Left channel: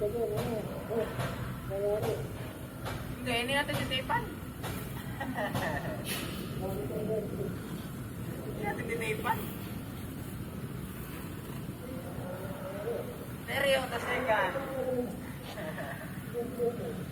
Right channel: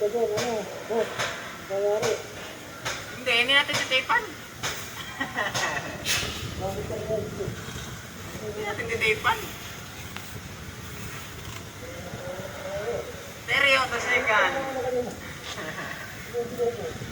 Hindi, hindi natin titipan. Hindi natin titipan. Stereo, tas second. Ha?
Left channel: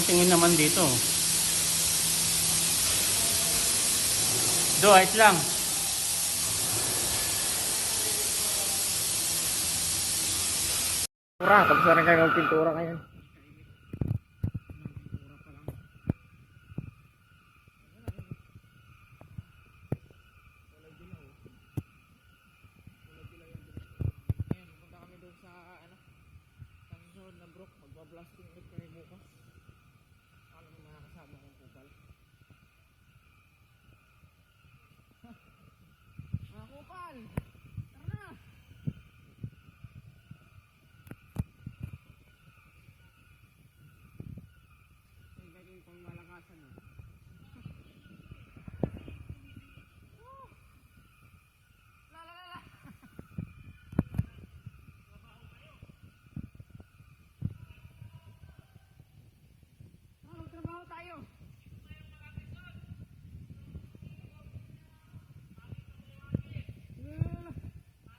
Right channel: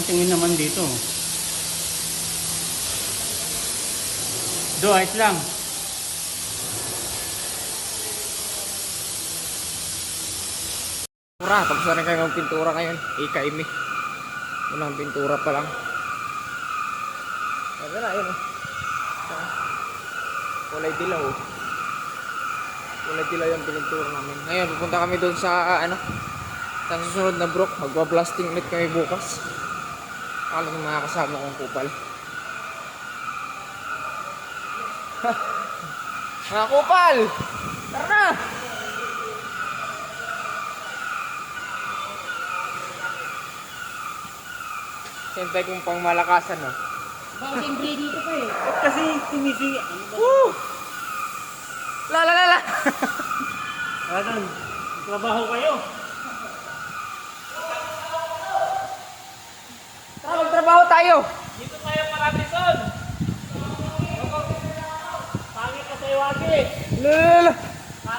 Ang tingin naman dito. Do, ayos lang. Pintura, tapos na rin kayo magpintura ngayon. Ika imi. Unang pintura pa lang. Sabi na, yun oh. Kulay dilaw oh. Kulay dilaw yung pintura namin. Ngayon, pupunta kami doon sa, ano, sa susunod na brook. Magwa-blasting ulit kami bukas. Akala ng mga kasama kong kupal. mga kupal! Tara na! Siyempre kung pang malakasan, no? Bawang dito pa eh. Kasi tumisi. Woo! La la la la! Trabaho kayo. Tayo! Dito tayo marami son. Pangit ka sa iwagi. La la la la!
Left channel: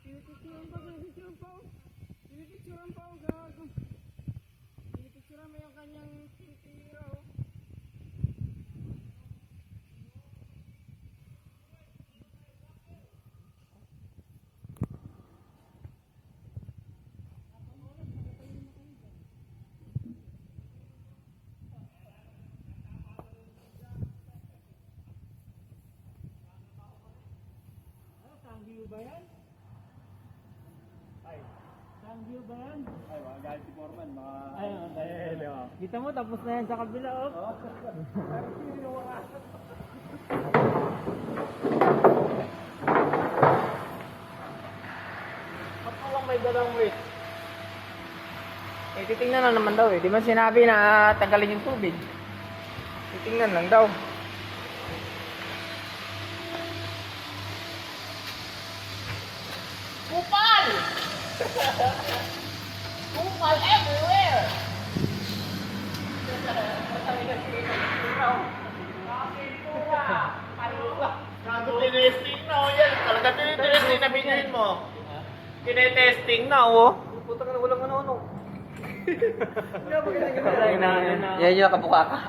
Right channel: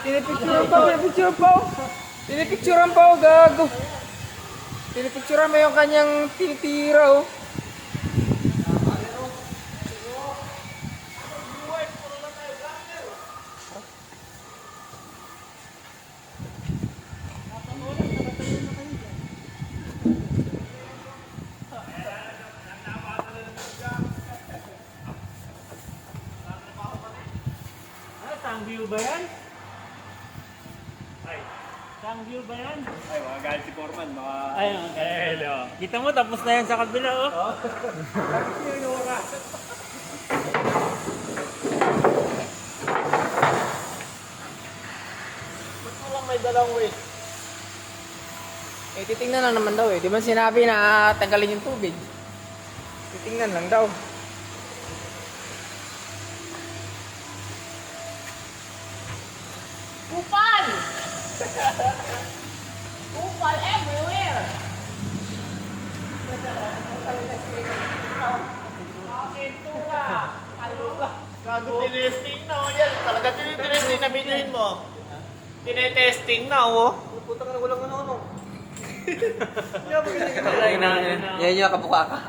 Pinipicturean pa, pinipicturean pa! oh. Pinipicturean pa, oh, gago! Pinipicturean mo yung kanyang tinitira, oh. Ah, Tangview ba yan? Ay. Tangview ba yan? Ay, mga galit si Foreman. Mga... Ay, mga galit. oh. Kita mo, tapos na yan sa kabila, oh. Ba't lang may? Eh, titingnan lang naman daw, eh. Di ba sinabi na tanggalin yung tubig? Titingnan lang daw. Kupal! Kupal everywhere! Gago tinesting na, oh yan. Talaga tinitesting na binuhin mo. Tinetesting na, oh. Puta ka na walang ano-ano. Yan yung kabuka ka.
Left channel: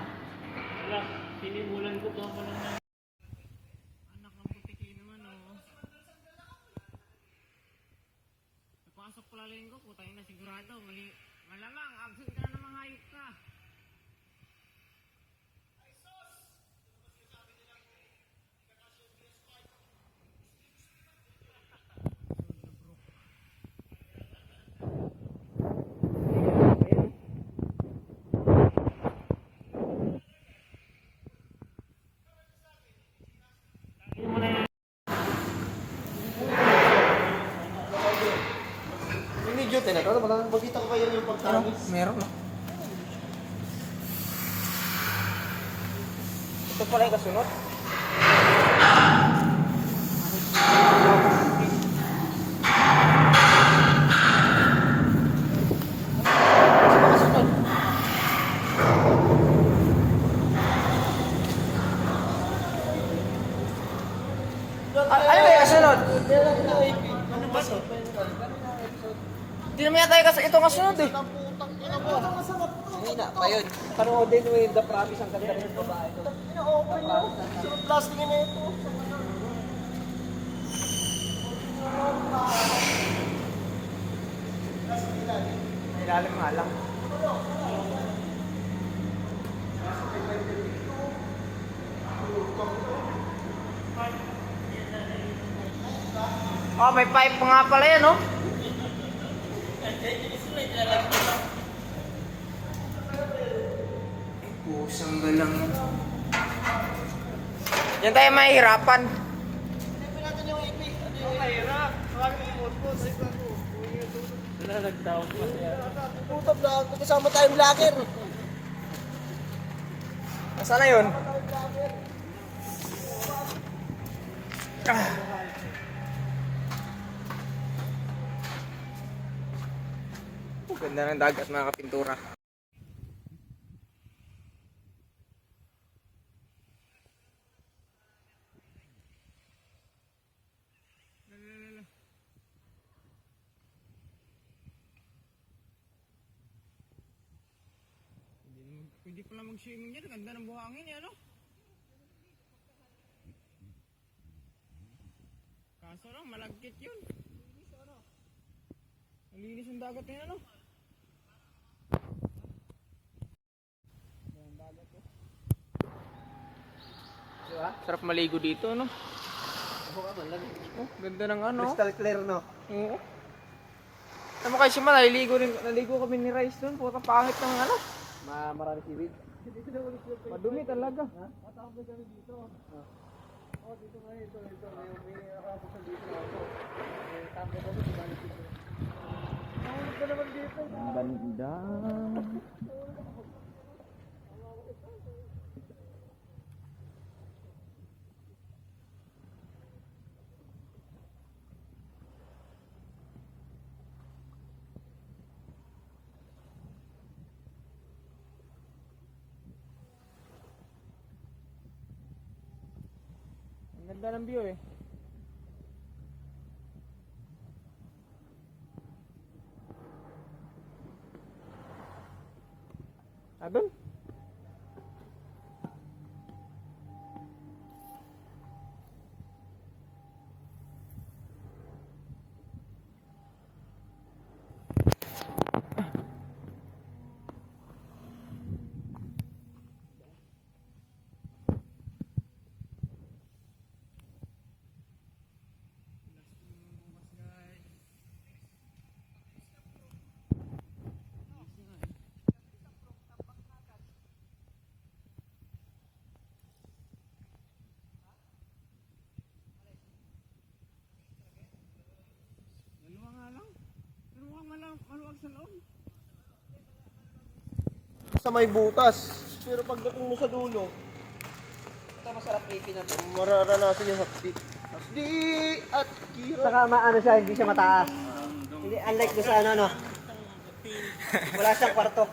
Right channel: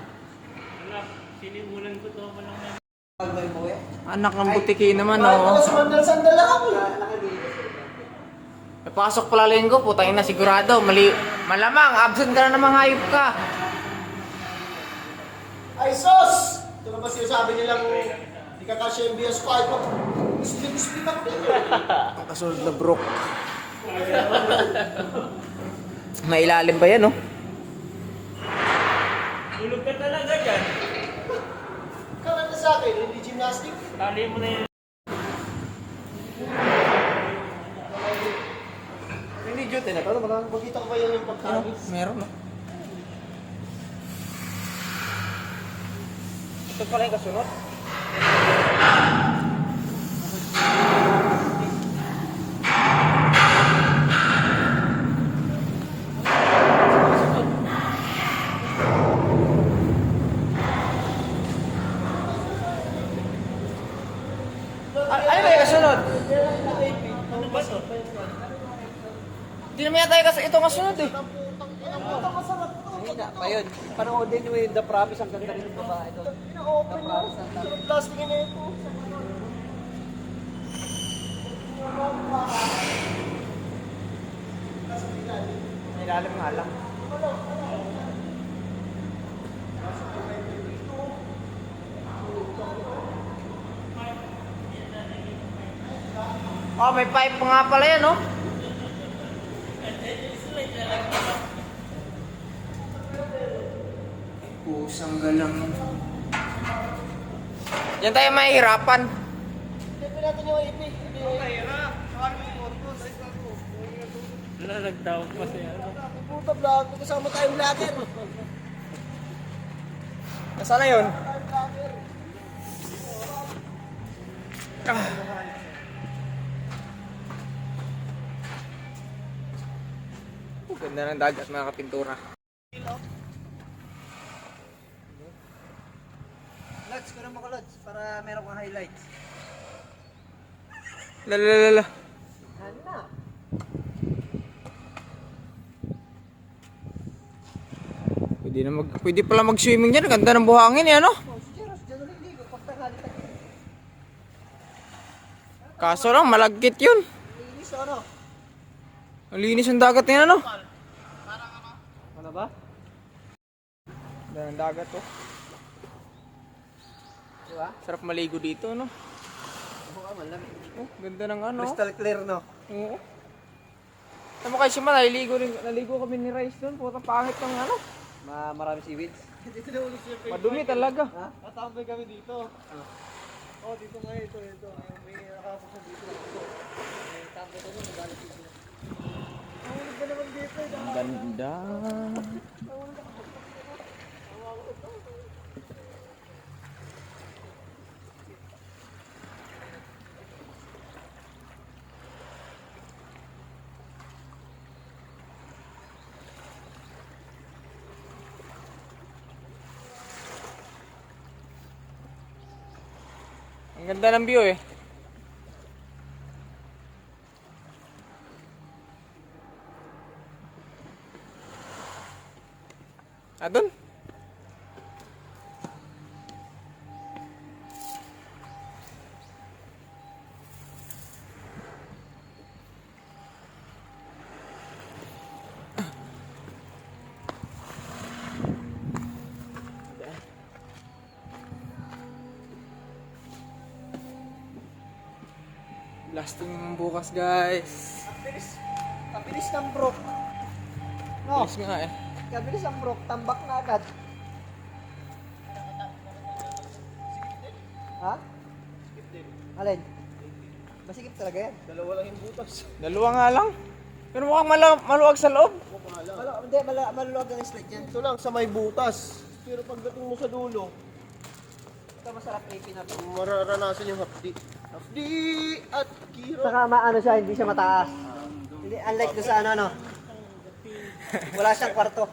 Wala, sinimulan ko to pa naman. Anak ng butiki naman, oh. Sandal-sandal ako. Napasok pala linggo, putang ina sigurado. Mali, malamang, absent ka na namang hayop ka. Ay, sos! Ito naman sinasabi nilang hindi ka kasya yung BS5 mo. Split-split ako din. Ang kasunod na brook. Mailalim ba yan, oh? Tulog ka talaga dyan. Kala na sa akin, hindi gymnastic. Tali mo na yan. Hindi duty na to. Magkita ko ba yan yung Ano? pagtawid? Meron, no? Ito pala yung. Kasunod. Ano ba to? Hindi naman yata yung kas- ito ang kasunod eh. Hina pa yun. Panoodin mo yung The Promise ang ganda ng babae doon. Ina-open mo. Yung plastic na ito. May lalim Oh, may pipe pa nga pala yan, oh. Pusang galang yan. Tayo mahihirapan. Ito natin yung AP. Ano yung Mahirap. Sabi mo, Lalagdaw pa siya. puta vlog? Kasama tayong vlogger. Nasaan na yun? Ah. Ganda ng dagat mga kapintura. Lads, ko naman ko Lads. Para meron kang highlights. Lalalala. Ano? Pwede, na mag, pwede pala mag-swimming dyan. Ganda ng buhangin eh, ano? Kaso lang, malagkit yun. Linis ano? Ang linis yung dagat niya? Ano Ganda ng dagat, oh. Diba? Sarap maligo dito, no? Oo, malamig. Oh, ganda ng ano. Crystal clear no? Oo. Alam mo kasi man, naligo, rin, naligo kami ni Rice doon. Puta pangit ng ano. Ma marami seaweeds. Madumi talaga. Ha? Tatambay kami dito. Oh, dito nga ito, ito. May nakapos dito na ako. May tambay kami, magalit dito. Naman dito. Ang ganda. Ang ganda ng view eh. Ah? Blasting bukas guys. Kabilis. Kabilis ng brook. No, Bilis nga eh. kabilis ng brook. Tambak na agad. Ha? Alin? Masikip talaga yan. Dalawa lang yung butas. Dalawa nga lang. Pero mukhang mala- maluwag sa loob. Malo, hindi, mala, maluwag ang slide yan. Ito lang sa may butas. Pero pagdating mo sa dulo, ito masarap ipin na ito. Mararanasan yung hapdi. Hapdi at kira. Saka maano siya, hindi siya mataas. Hindi, unlike doon sa ano, no? Wala siyang kwarto.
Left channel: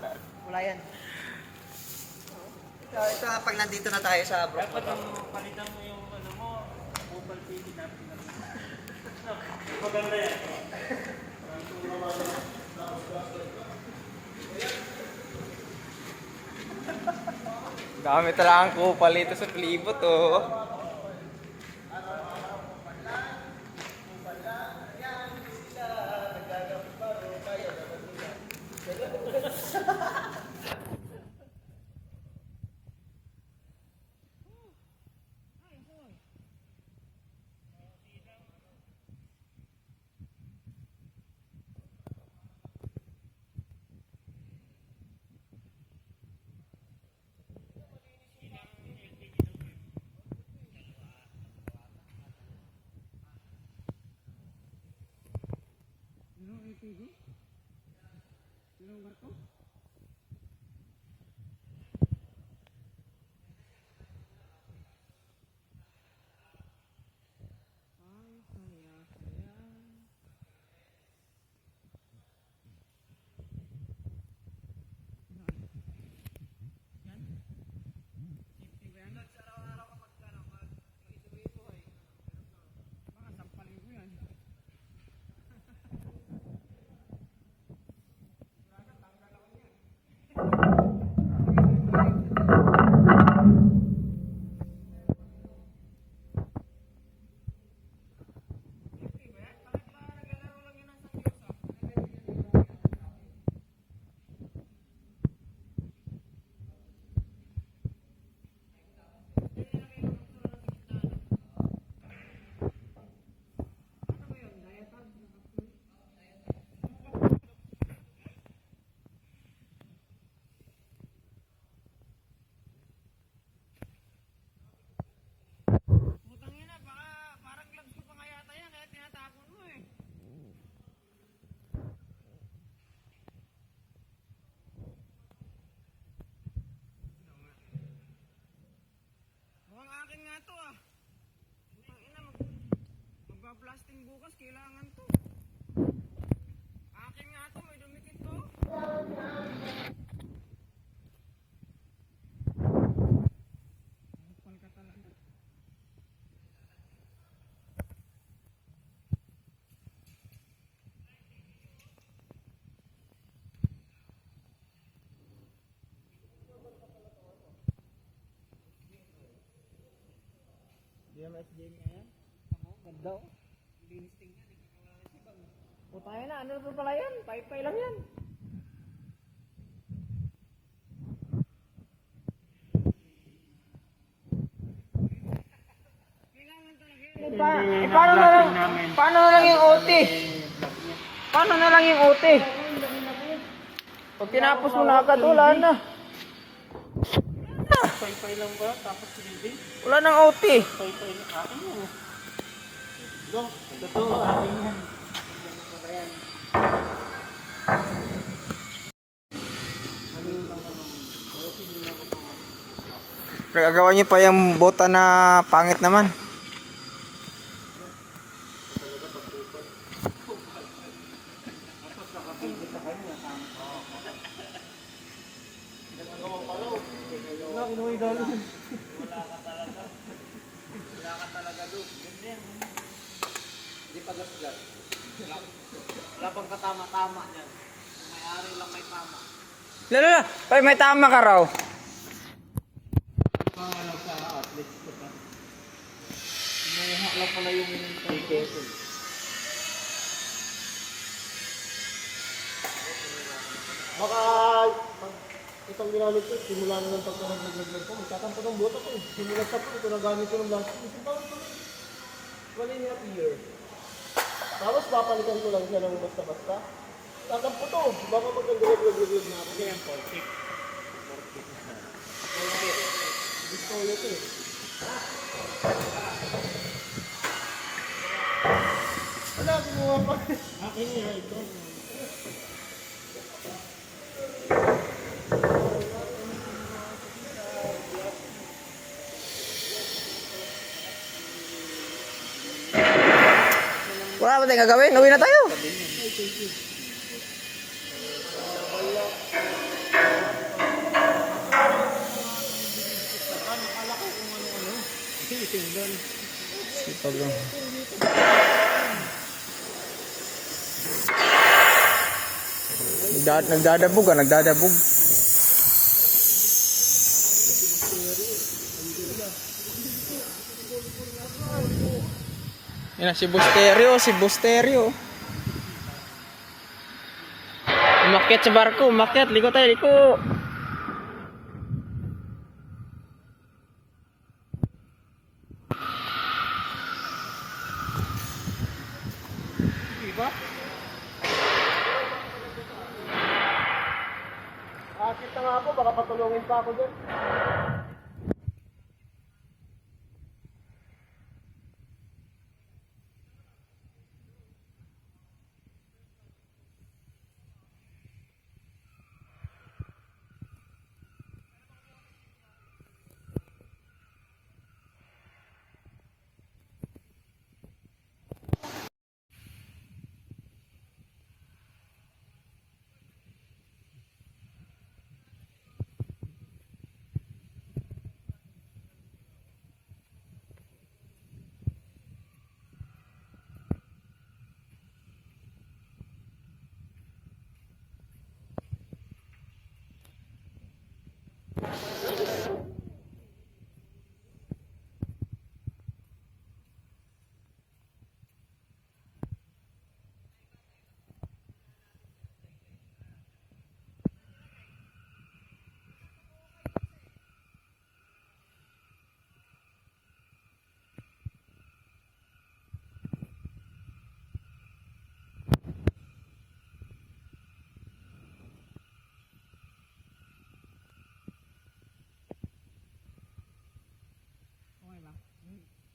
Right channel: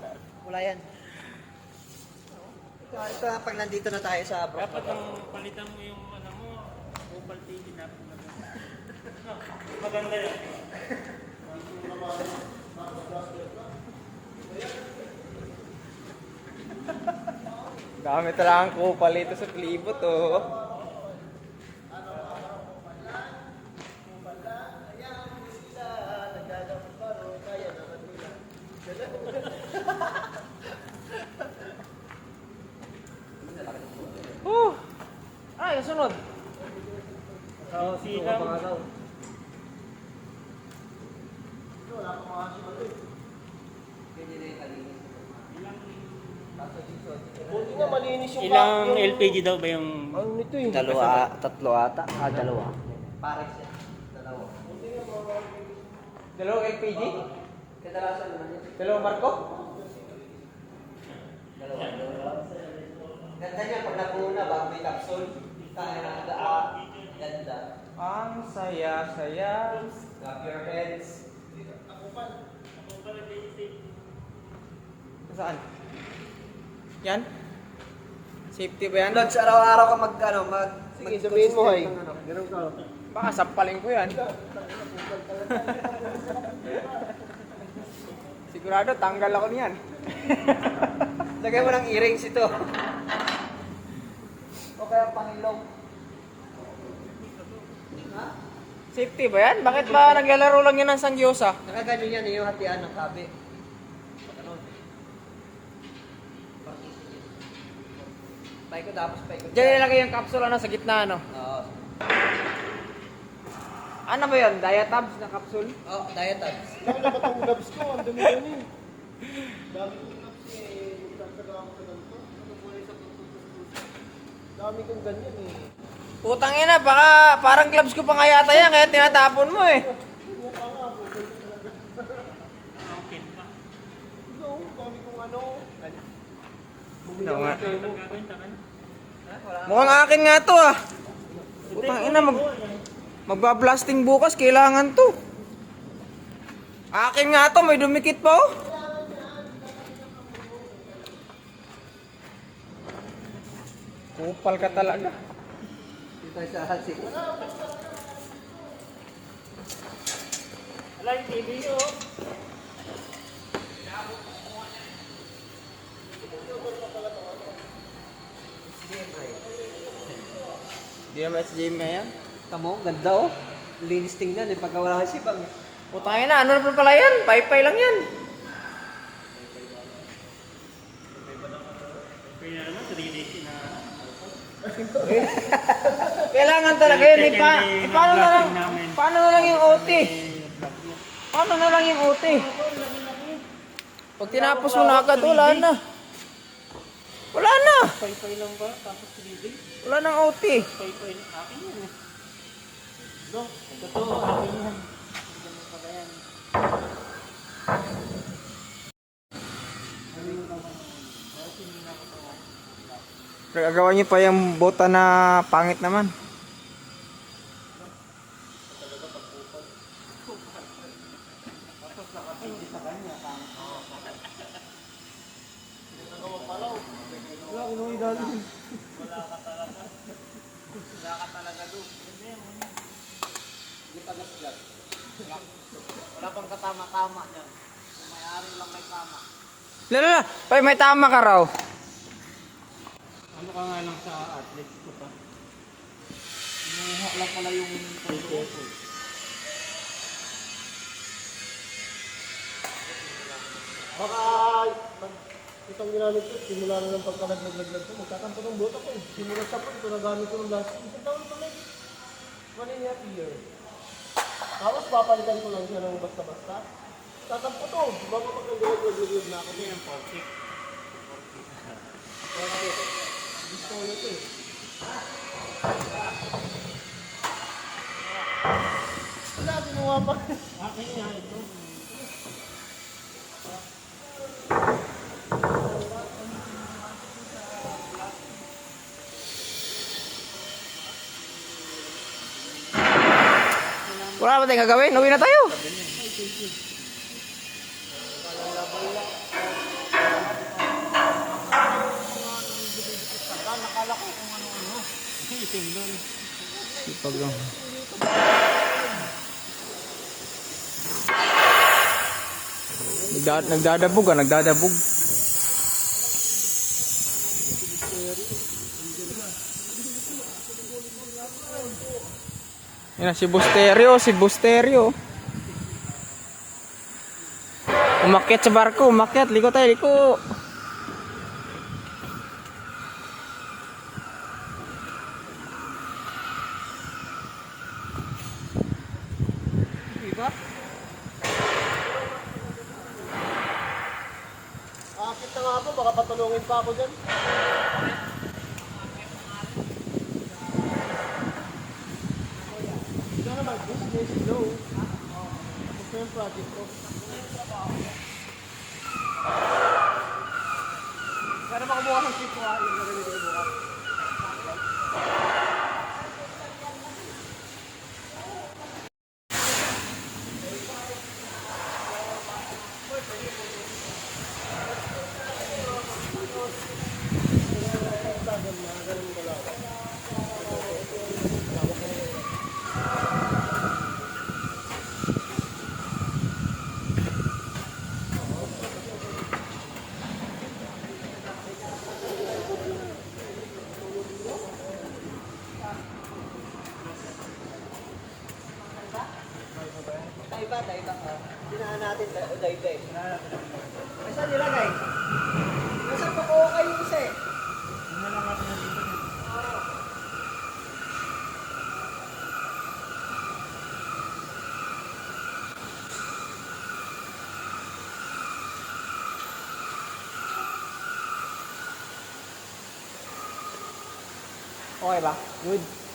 Wala yan. Ito, ito pag nandito na tayo sa Brook. Dapat ang palitan mo yung ano mo, Opal TV na Maganda yan. Gamit talaga ang kupal ito sa palibot. Oh! Ilang LPG daw ba yung... Ano nito eh? Dalawa, tatlo ata. Ah, dalawa. Pares yan. Dalawa. Dalawang LPG? Kadalasan naman yan. Dalawang barko? Ganda niya pag napuna bago may capsule. Kaya na ah, ganda. Ang saya-saya. Clap your hands. Saan? Yan? Safety ba yan? Lods, araw-araw ka mag, ano, mag... Sige, sabihin mo, hay. Baka sampalin ko yan. Sigurado, tanggal ako niyan. Lagay mo ng earrings ito. O kaya pangilong. Safety ba yan? Bakit ba naglalaro lang yan ng sangyosa? Nakaganyan yan, eh, yung hatian ng kabi. Paikot tapos paikot. Diyan nilagay yung capsule ano, sa gitna ano. Oo. Ano ba yun? Diatabs na capsule? Oh, diet tabs. Dami na gloves ko? Ang dumi yan eh. Dami kong ganyan eh. Putang ina, baka parang gloves ko pa nga yata yan, kaya tinatapon mo eh. Ito, dami kong ano. Ano nga? Mukhang akin nga to ah. Putang ina, mag, magbablasting bukas, kailangan to. Akin nga to, may dumikit pa oh. Kupal ka talaga. Dito sa hati. Wala yung TV oh. Hindi naman Jamie yan. Tamo, ganda oh. Linis tingnan eh, pagka wala kasi bang. Putangin na, ano na pala yan? Paypay lang yan. Kailangan talaga yun. Eh, pa, eh, paano na lang, paano na lang yung OT? Paano na lang yung OT? Pag tinapos mo na agad, wala na. Wala na. Pay-pay lang ba? Tapos silibig? Wala nang OT. Gagawa niyo pa yung bota na pangit naman. Wala pang katama-tama niyan. May-ari lang may tama. Lalo, pay may tama ka raw. Ano ka nga lang sa athletes ko pa? Inuha lang pala yung KKS. Baka pag itong ginamit ko, simula na ng pagka-naglag-lag ko, magkakampo ng buto ko. eh. Simula sa po, ito nagamit ko ng last. Isang taon ko na. One and a half year. Tapos papalitan ko lang siya ng basta-basta. Kakampo to. Baka pag nag-lag-lag na ako. Kaya ang portik. Gusto ko ito eh. Wala, kinuha pa. Akin yan. Ito. Tayong gagawin? Uwi na tayo. Sipag lang. Nagda- nagdadabog ah, nagdadabog. Yan si Busterio, si Busterio. Umakyat sa barko, umakyat. Liko tayo, liko. Akit na nga po, baka patulungin pa ako dyan. Ito naman, business, low. Ito yung project ko. Kaya naman kumuha ng chip ko ha, yung gagawin ko bukas. Dinaan natin, day-day. Saan nilagay? Nasa pako kayo isa eh. Okay ba? Good.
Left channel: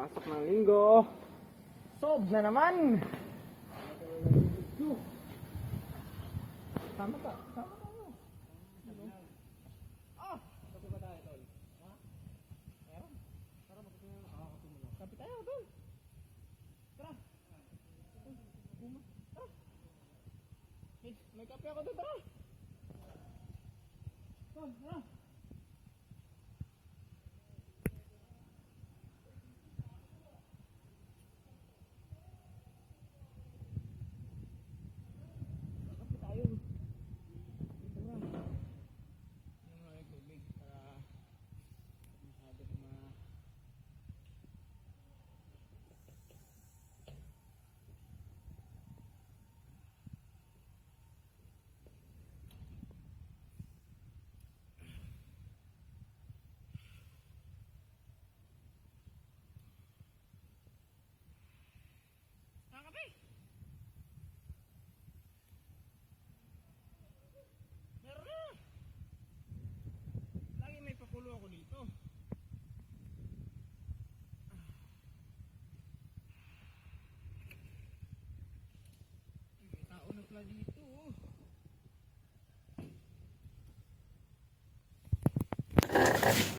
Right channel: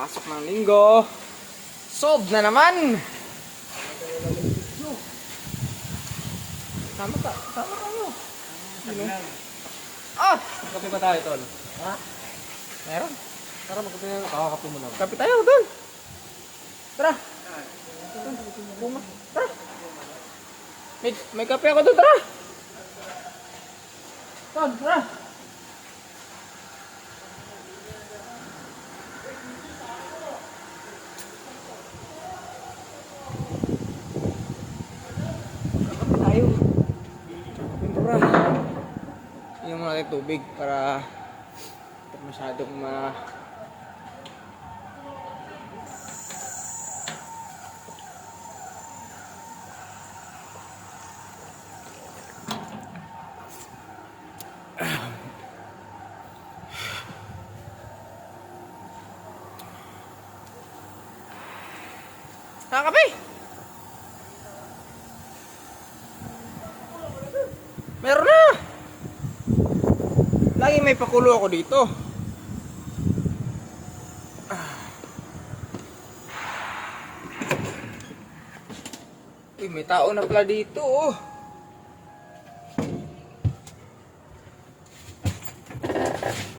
Pasok ng linggo. Sob na naman! Tama ka, tama kayo. Ah! Kape pa tayo, tol. Meron. Tara, magkape na. Kakakape mo na. Kape tayo, doon. Tara. Bunga. Tara. May, kape ako doon, tara. Doon, tara. Inom natin tubig para masyadong ma... Nakakape! Meron na! Lagi may pakulo ako dito. Ah. Uy, may tao na pala dito oh.